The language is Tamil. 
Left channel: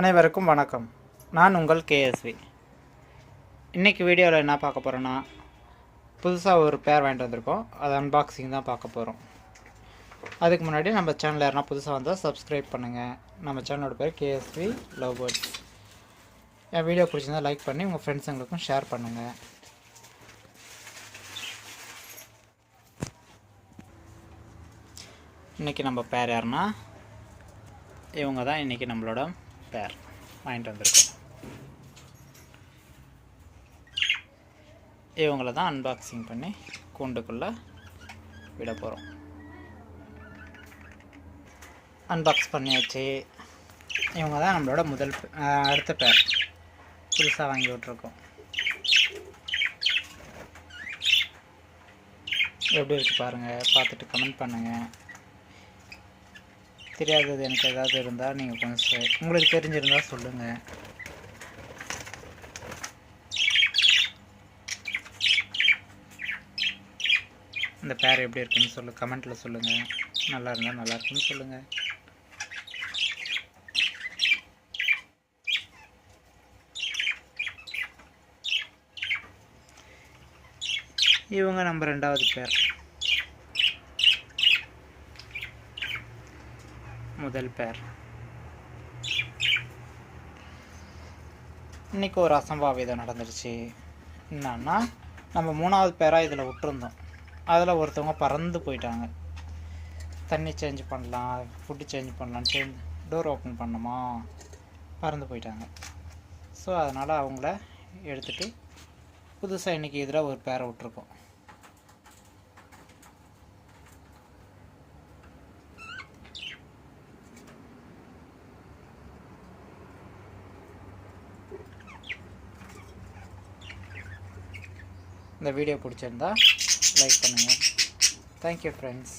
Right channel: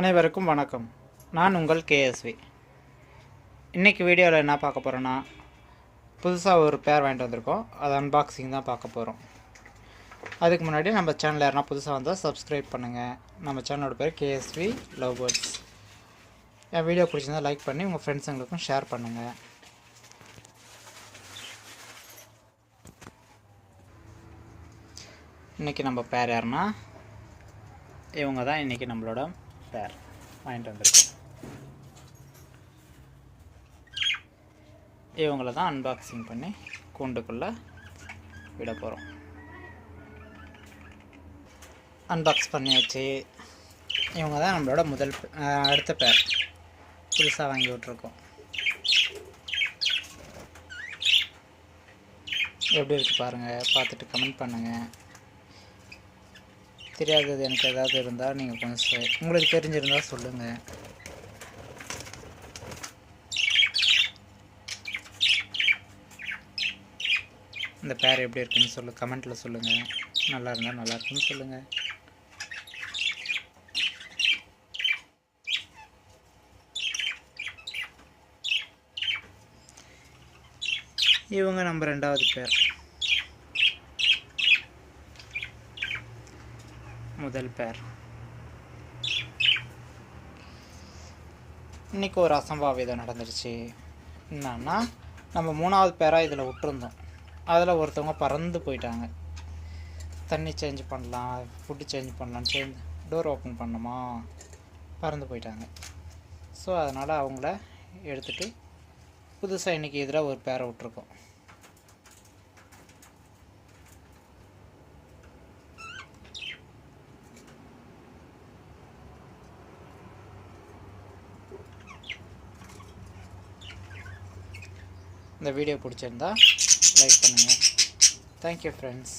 அனைவருக்கும் வணக்கம். நான் உங்கள் கேஎஸ்வி. இன்றைக்கி வீடியோவில் என்ன பார்க்க போகிறோன்னா, புதுசாக ஒரு பேர் வாங்கிட்டு வந்திருக்கோம். அது அன்பாக்சிங் தான் பார்க்க போகிறோம். அதுக்கு முன்னாடி நம்ம சேனல் யாருன்னா புதுசாக வந்தால் சப்ஸ்கிரைப் பண்ணுங்கள். நம்ம சேனலோட பேர் கேஎஸ்வி லவ் பேர்ட்ஸ். என் வீடியோ பிடிச்சிருந்தால் லைக் பண்ணி உங்கள் ஃப்ரெண்ட்ஸுங்களுக்கும் ஷேர் பண்ணுங்கள். இன்றைக்கி நம்ம பேர் யாருன்னா, இவங்க தான் இன்றைக்கி நம்மளோட பேர் வாங்கிட்டு வந்திருக்கோம். இவங்கள தான் அன்பாக்சிங் பண்ணி கூண்டுக்குள்ளே விட போகிறோம். அன்பாக்ஸ் பண்ணியாச்சு. இவங்க தான் நம்மளோட அடுத்த பேர் புதுசாக வாங்கி விட்ருக்கோம். எப்படி இருக்குது பாருங்கள், பார்த்துட்டு கமெண்ட் பண்ணுங்கள். தெரியாதது எனக்கு ஏதாவது இருந்தால் நீங்கள் கொஞ்சம் உங்களுக்கு தெரிஞ்சிருந்தால் சொல்லுங்கள். இந்த பேர் எப்படி இருக்குன்னு கமெண்ட்டில் சொல்லுங்கள். நல்லா இருந்தால் நல்லா இருக்குன்னு சொல்லுங்கள். இவங்க நம்ம ரெண்டாவது பேர். முதல் பேர். இன்றைக்கி ஒரு அசம்பாவிதம் நடந்துருச்சு. என்னன்னா, நம்ம மூணாவது பேராக இதில் விட்டுருந்தோம். அதில் ஒருத்தவங்க பறந்து போயிட்டாங்க. தண்ணி சேஞ்ச் பண்ணலாம், ஃபுட்டு சேஞ்ச் பண்ணலான்னு டோர் ஓப்பன் பண்ணோமா, பறந்து போயிட்டாங்க. ஸோ அதனால் அவங்கள எடுத்துகிட்டு புதுசாக இன்றைக்கி இதில் ஒரு பேரை விட்ருக்கோம். இந்த வீடியோ பிடிச்சிருந்தா லைக் பண்ணுங்கள். Thank you friends.